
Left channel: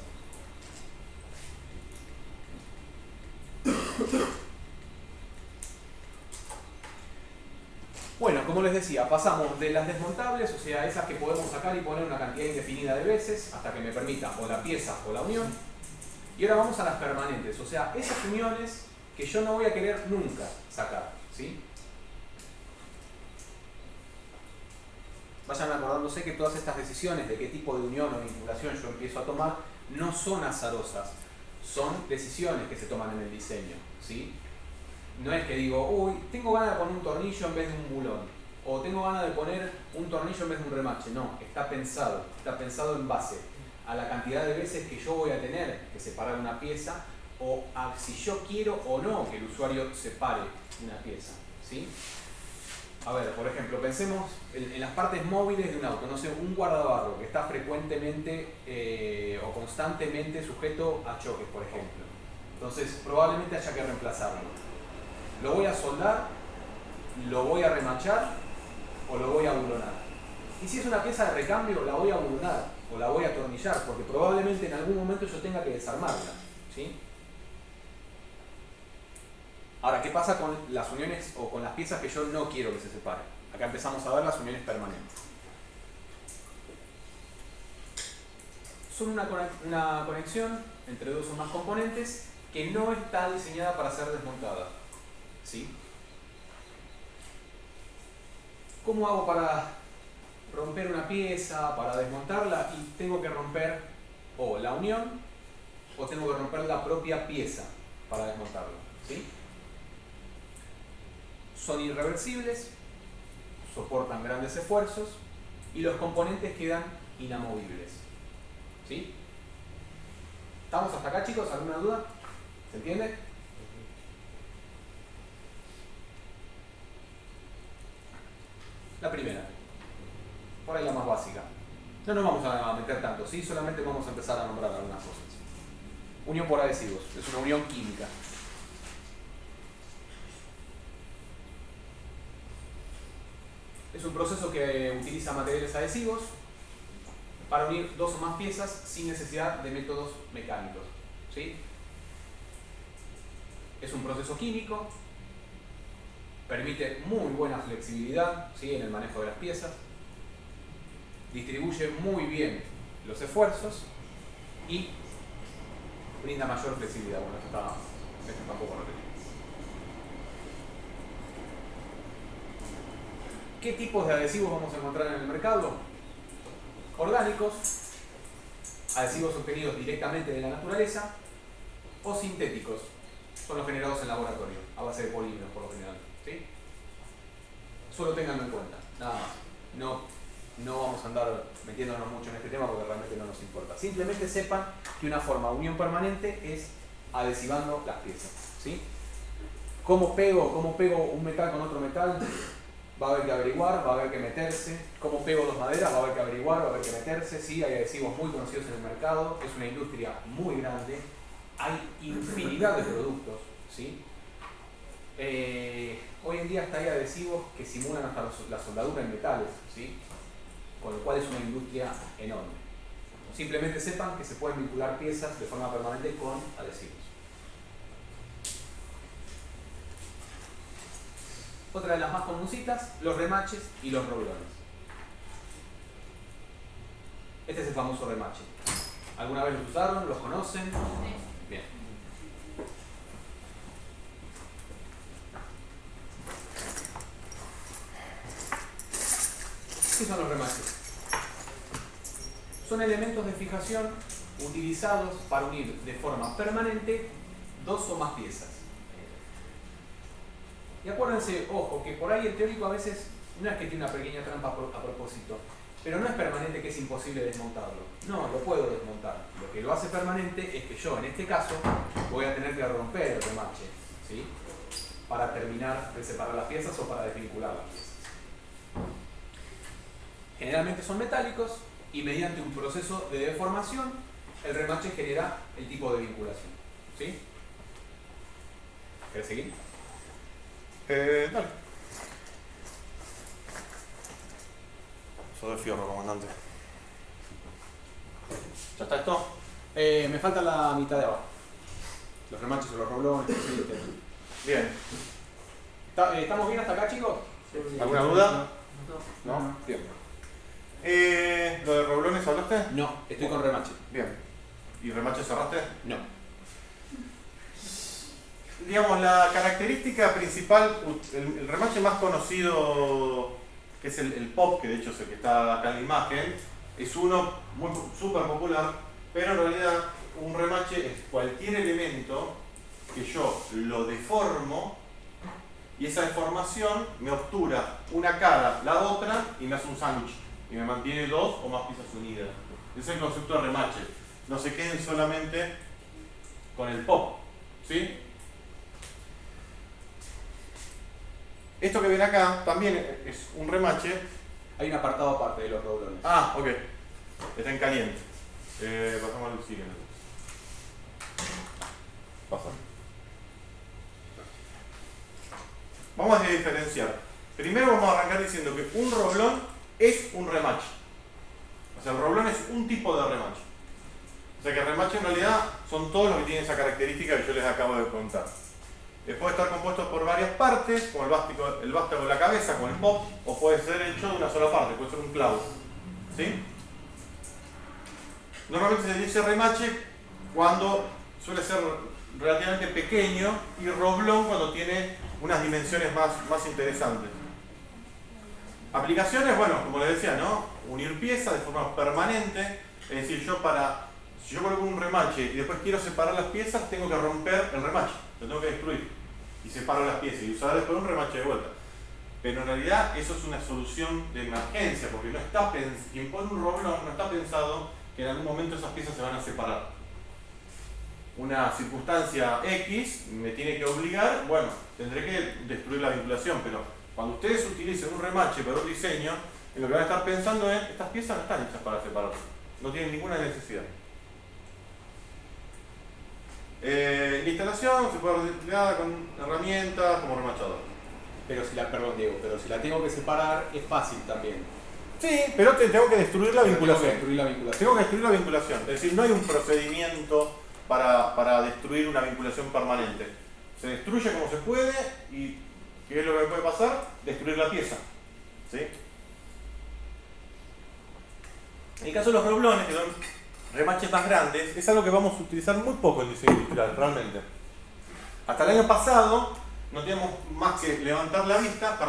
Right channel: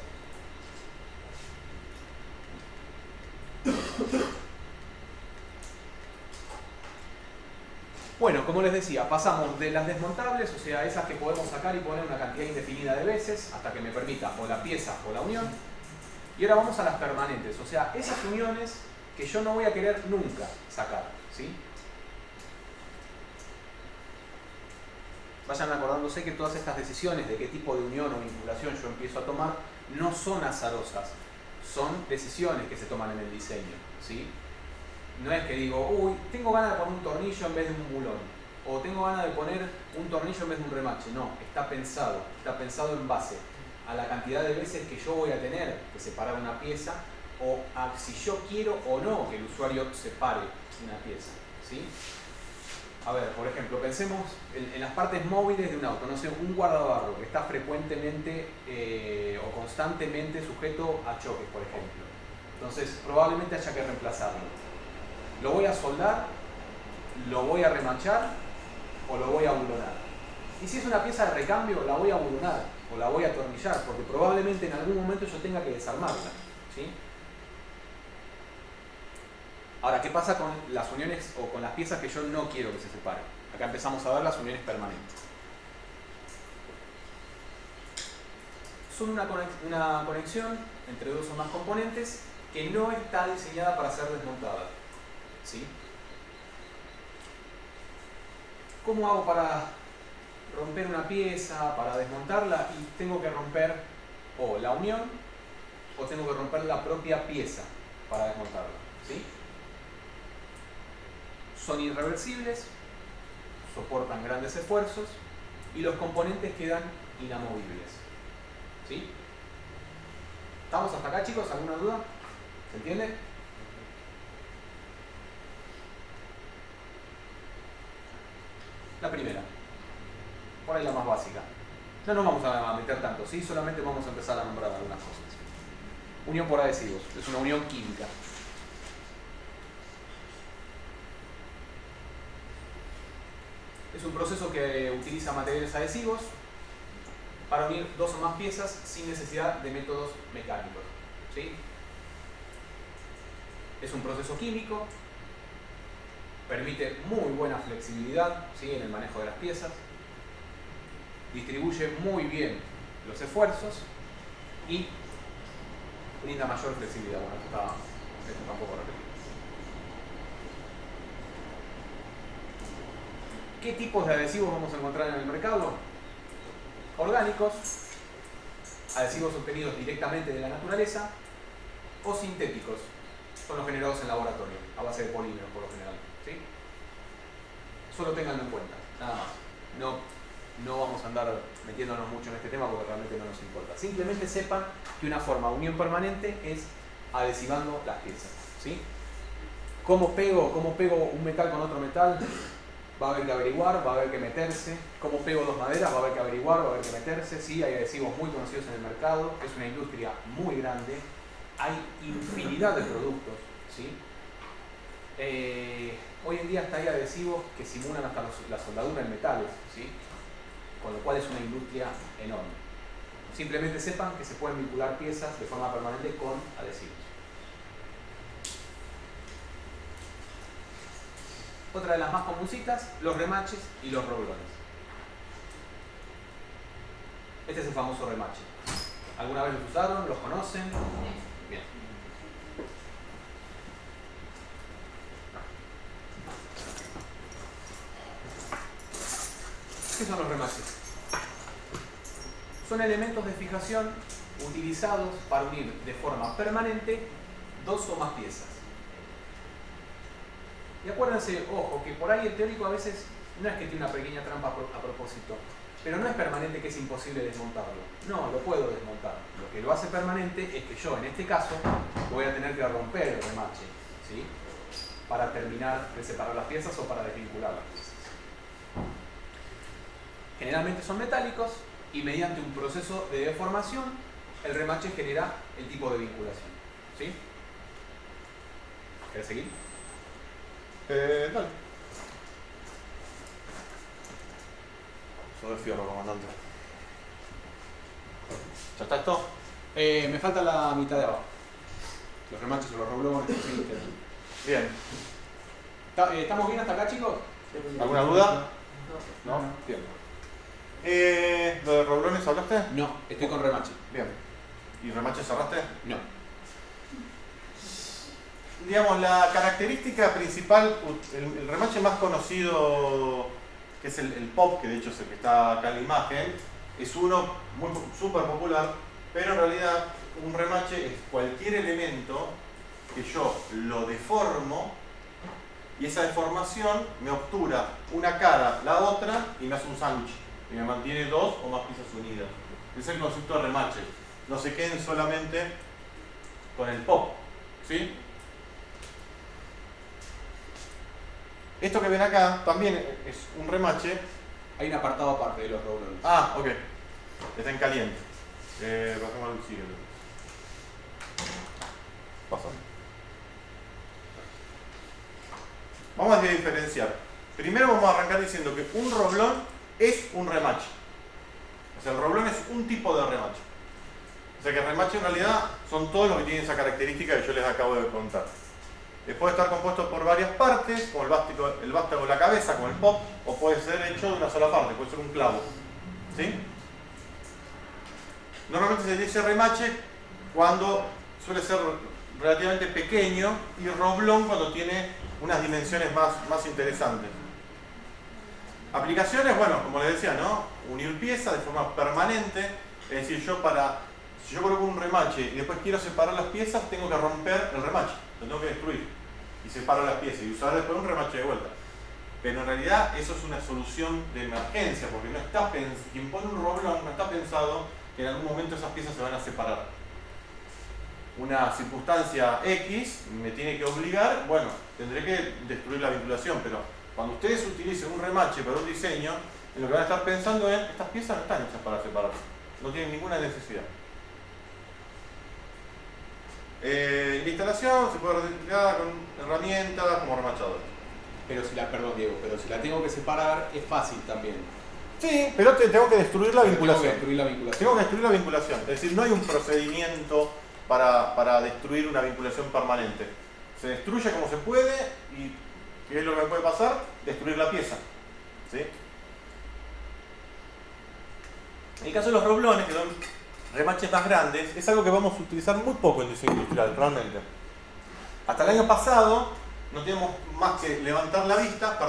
Bueno, como les decía, pasamos de las desmontables, o sea, esas que podemos sacar y poner una cantidad indefinida de veces hasta que me permita o la pieza o la unión. Y ahora vamos a las permanentes, o sea, esas uniones que yo no voy a querer nunca sacar, ¿sí? Vayan acordándose que todas estas decisiones de qué tipo de unión o vinculación yo empiezo a tomar no son azarosas, son decisiones que se toman en el diseño, ¿sí? No es que digo, uy, tengo ganas de poner un tornillo en vez de un bulón, o tengo ganas de poner un tornillo en vez de un remache. No, está pensado en base a la cantidad de veces que yo voy a tener que separar una pieza, o a si yo quiero o no que el usuario separe una pieza, ¿sí? A ver, por ejemplo, pensemos en las partes móviles de un auto, no sé, un guardabarro que está frecuentemente o constantemente sujeto a choques, por ejemplo. Entonces, probablemente haya que reemplazarlo. ¿Lo voy a soldar? ¿Lo voy a remachar? ¿O lo voy a bulonar? Y si es una pieza de recambio, la voy a bulonar o la voy a atornillar, porque probablemente en algún momento yo tenga que desarmarla, ¿sí? Ahora, ¿qué pasa con las uniones o con las piezas que yo no quiero que se separen? Acá empezamos a ver las uniones permanentes. Son una conexión entre dos o más componentes que no está diseñada para ser desmontada, ¿sí? ¿Cómo hago para romper una pieza, para desmontarla? Y tengo que romper o la unión o tengo que romper la propia pieza para desmontarla, ¿sí? Son irreversibles, soportan grandes esfuerzos y los componentes quedan inamovibles, ¿sí? ¿Estamos hasta acá, chicos? ¿Alguna duda? ¿Se entiende? La primera, por ahí la más básica. No nos vamos a meter tanto, ¿sí? Solamente vamos a empezar a nombrar algunas cosas. Unión por adhesivos, es una unión química. Es un proceso que utiliza materiales adhesivos para unir dos o más piezas sin necesidad de métodos mecánicos, ¿sí? Es un proceso químico, permite muy buena flexibilidad, ¿sí?, en el manejo de las piezas, distribuye muy bien los esfuerzos y brinda mayor flexibilidad. Bueno, esto está un poco repetido. ¿Qué tipos de adhesivos vamos a encontrar en el mercado? Orgánicos, adhesivos obtenidos directamente de la naturaleza, o sintéticos, son los generados en laboratorio, a base de polímeros por lo general, ¿sí? Solo ténganlo en cuenta, nada más. No vamos a andar metiéndonos mucho en este tema porque realmente no nos importa. Simplemente sepan que una forma de unión permanente es adhesivando las piezas, ¿sí? ¿Cómo pego un metal con otro metal? Va a haber que averiguar, va a haber que meterse. ¿Cómo pego dos maderas? Va a haber que averiguar, va a haber que meterse. Sí, hay adhesivos muy conocidos en el mercado, es una industria muy grande, hay infinidad de productos, ¿sí? Hoy en día hasta hay adhesivos que simulan hasta la soldadura en metales, ¿sí? Con lo cual es una industria enorme. Simplemente sepan que se pueden vincular piezas de forma permanente con adhesivos. Otra de las más comuncitas, los remaches y los roblones. Este es el famoso remache. ¿Alguna vez los usaron? ¿Los conocen? Bien. ¿Qué son los remaches? Son elementos de fijación utilizados para unir de forma permanente dos o más piezas. Y acuérdense, ojo, que por ahí el teórico a veces no es que tiene una pequeña trampa a propósito, pero no es permanente que es imposible desmontarlo. No, lo puedo desmontar. Lo que lo hace permanente es que yo, en este caso, voy a tener que romper el remache, ¿sí?, para terminar de separar las piezas o para desvincular las piezas. Generalmente son metálicos y mediante un proceso de deformación, el remache genera el tipo de vinculación, ¿sí? ¿Querés seguir? Dale. Sobre fierro, comandante. ¿Ya está esto? Me falta la mitad de abajo. Los remaches o los roblones, ¿sí? Bien. ¿Estamos bien hasta acá, chicos? ¿Alguna duda? No. Bien. ¿Lo de roblones hablaste? No, estoy con remache. Bien. ¿Y remache cerraste? No. Digamos, la característica principal, el remache más conocido, que es el pop, que de hecho es el que está acá en la imagen, es uno súper popular, pero en realidad un remache es cualquier elemento que yo lo deformo y esa deformación me obtura una cara, la otra y me hace un sándwich y me mantiene dos o más piezas unidas. Ese es el concepto de remache. No se queden solamente con el pop, ¿sí? Esto que ven acá también es un remache. Hay un apartado aparte de los roblones. Ah, ok. Está en caliente. Bajamos al siguiente. Pasa. Vamos a diferenciar. Primero vamos a arrancar diciendo que un roblón es un remache. O sea, el roblón es un tipo de remache. O sea que el remache en realidad son todos los que tienen esa característica que yo les acabo de contar. Puede estar compuesto por varias partes, como el vástago de la cabeza, como el pop, o puede ser hecho de una sola parte, puede ser un clavo. ¿Sí? Normalmente se dice remache cuando suele ser relativamente pequeño y roblón cuando tiene unas dimensiones más interesantes. Aplicaciones, bueno, como les decía, ¿no? Unir piezas de forma permanente, es decir, si yo coloco un remache y después quiero separar las piezas, tengo que romper el remache, lo tengo que destruir y separar las piezas y usar después un remache de vuelta. Pero en realidad eso es una solución de emergencia, porque quien pone un roblón no está pensado que en algún momento esas piezas se van a separar. Una circunstancia X me tiene que obligar, bueno, tendré que destruir la vinculación, pero cuando ustedes utilicen un remache para un diseño, en lo que van a estar pensando es, estas piezas no están hechas para separarse, no tienen ninguna necesidad. La instalación se puede realizar con herramientas como remachador. Perdón Diego, pero si la tengo que separar es fácil también. Sí, pero tengo que destruir la vinculación. Tengo que destruir la vinculación. Tengo que destruir la vinculación. Es decir, no hay un procedimiento para destruir una vinculación permanente. Se destruye como se puede y ¿qué es lo que puede pasar? Destruir la pieza. ¿Sí? En el caso de los roblones, que son remaches más grandes, es algo que vamos a utilizar muy poco en diseño industrial, realmente. Hasta el año pasado no teníamos más que levantar la vista,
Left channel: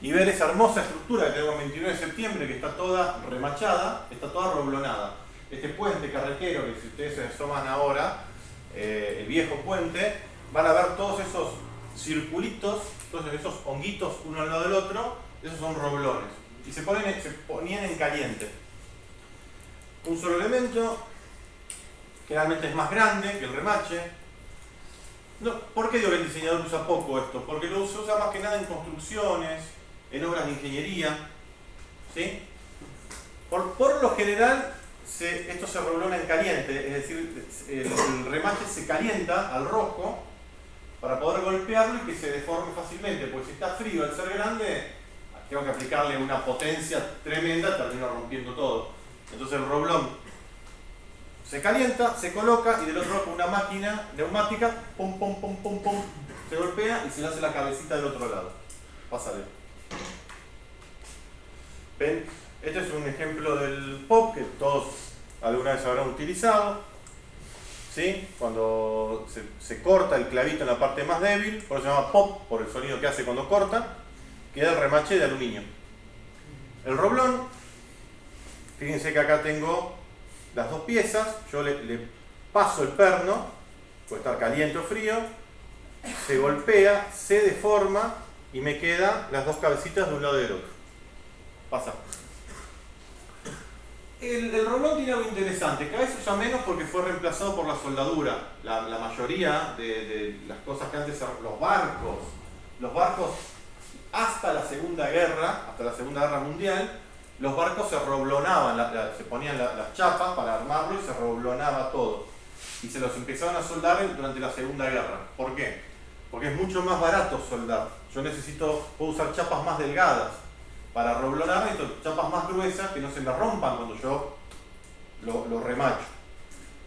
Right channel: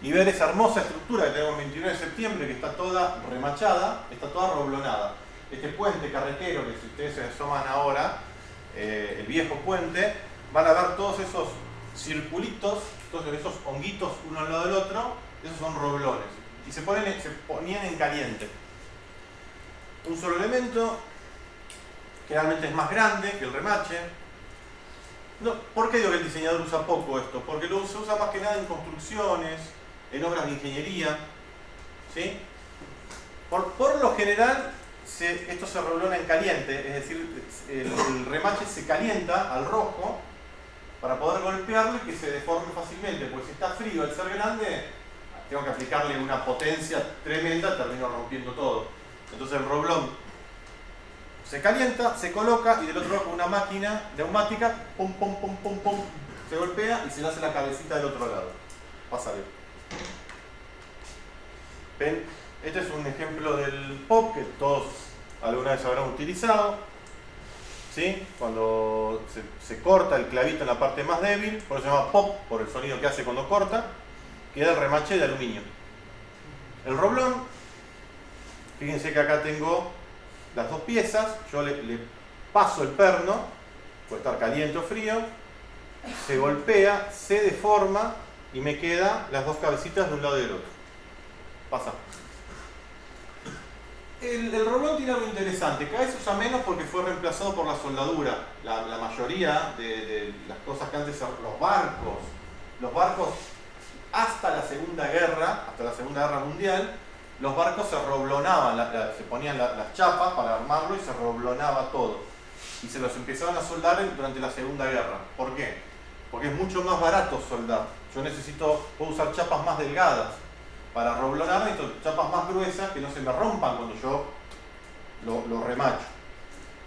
y ver esa hermosa estructura que tenemos el 29 de septiembre, que está toda remachada, está toda roblonada. Este puente carretero, que si ustedes se asoman ahora, el viejo puente, van a ver todos esos circulitos, todos esos honguitos uno al lado del otro, esos son roblones. Y se ponían en caliente. Un solo elemento, generalmente es más grande que el remache. No, ¿por qué digo que el diseñador usa poco esto? Porque se usa más que nada en construcciones, en obras de ingeniería. ¿Sí? Por lo general, esto se roblona en caliente, es decir, el remache se calienta al rojo para poder golpearlo y que se deforme fácilmente, porque si está frío al ser grande, tengo que aplicarle una potencia tremenda, termino rompiendo todo. Entonces el roblón se calienta, se coloca y del otro lado con una máquina neumática, pum, pum, pum, pum, pum, se golpea y se le hace la cabecita del otro lado. Pásale. ¿Ven? Este es un ejemplo del pop que todos alguna vez habrán utilizado. ¿Sí? Cuando se corta el clavito en la parte más débil, por eso se llama pop, por el sonido que hace cuando corta, queda el remache de aluminio. El roblón, fíjense que acá tengo las dos piezas, yo le paso el perno, puede estar caliente o frío, se golpea, se deforma y me quedan las dos cabecitas de un lado y del otro. Pasa. El roblón tiene algo interesante, cada vez se usa menos porque fue reemplazado por la soldadura. La mayoría de las cosas que antes eran los barcos hasta la Segunda Guerra Mundial, los barcos se roblonaban, se ponían las chapas para armarlo y se roblonaba todo. Y se los empezaban a soldar durante la Segunda Guerra. ¿Por qué? Porque es mucho más barato soldar. Puedo usar chapas más delgadas para roblonar, entonces chapas más gruesas que no se me rompan cuando yo lo remacho.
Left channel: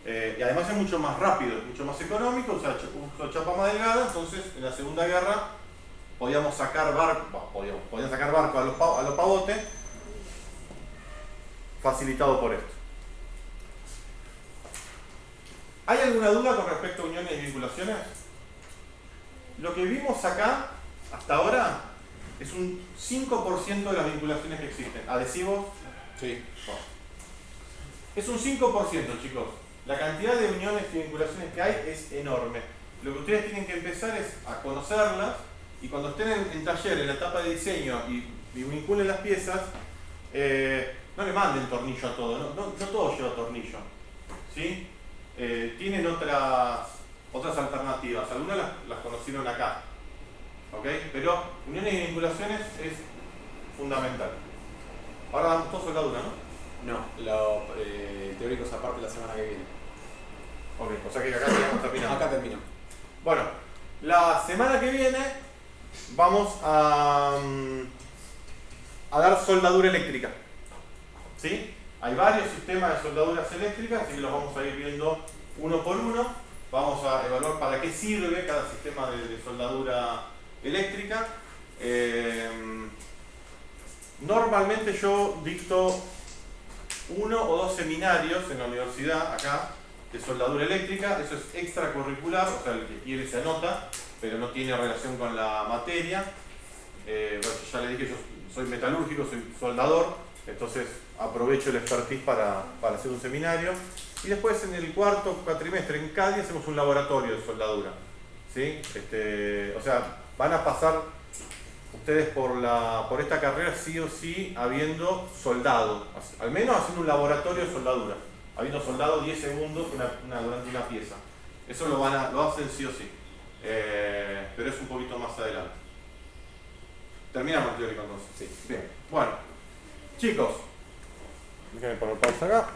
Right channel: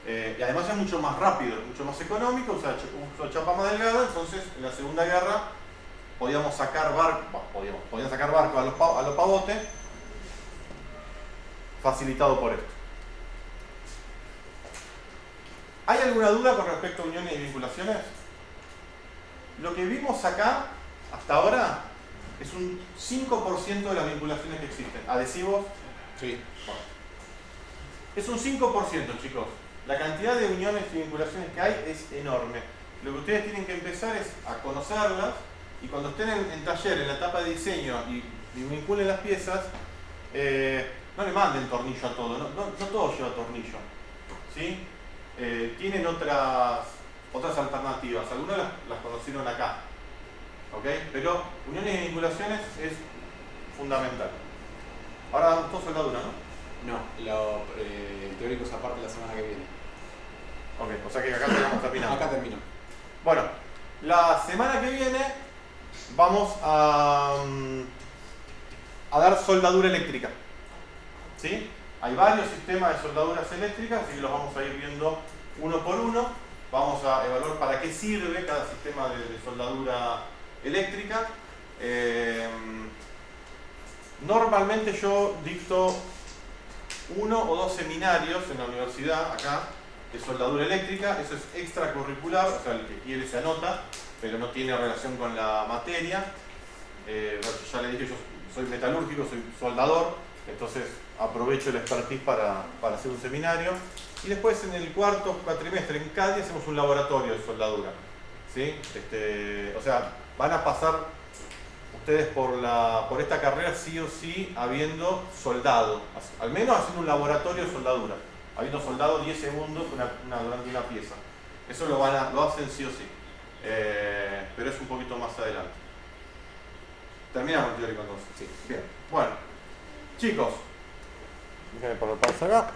Y además es mucho más rápido, mucho más económico, uso chapa más delgada, entonces en la Segunda Guerra podían sacar barco a los pavotes, facilitado por esto. ¿Hay alguna duda con respecto a uniones y vinculaciones? Lo que vimos acá, hasta ahora, es un 5% de las vinculaciones que existen. Adhesivos, Sí. Es un 5%, chicos. La cantidad de uniones y vinculaciones que hay es enorme. Lo que ustedes tienen que empezar es a conocerlas y cuando estén en taller, en la etapa de diseño y vinculen las piezas, no le manden tornillo a todo, no todo lleva tornillo. ¿Sí? Tienen otras alternativas, algunas las conocieron acá. ¿Ok? Pero uniones y vinculaciones es fundamental. Ahora damos todo soldadura, ¿no? No, lo teórico es aparte la semana que viene. Ok, o sea que acá tenemos terminado. Acá termino. Bueno, la semana que viene vamos a dar soldadura eléctrica. ¿Sí? Hay varios sistemas de soldaduras eléctricas y los vamos a ir viendo uno por uno. Vamos a evaluar para qué sirve cada sistema de soldadura eléctrica. Normalmente yo dicto 1 o 2 seminarios en la universidad acá de soldadura eléctrica. Eso es extracurricular, o sea, el que quiere se anota, pero no tiene relación con la materia. Bueno, ya le dije, yo soy metalúrgico, soy soldador, entonces aprovecho el expertise para hacer un seminario. Y después en el cuarto cuatrimestre en Cádiz hacemos un laboratorio de soldadura. ¿Sí? O sea, van a pasar ustedes por esta carrera sí o sí habiendo soldado, al menos haciendo un laboratorio de soldadura, habiendo soldado 10 segundos durante una pieza. Eso lo hacen sí o sí, pero es un poquito más adelante. Terminamos el teórico entonces. Sí. Bien, bueno, chicos, déjenme poner pausa acá.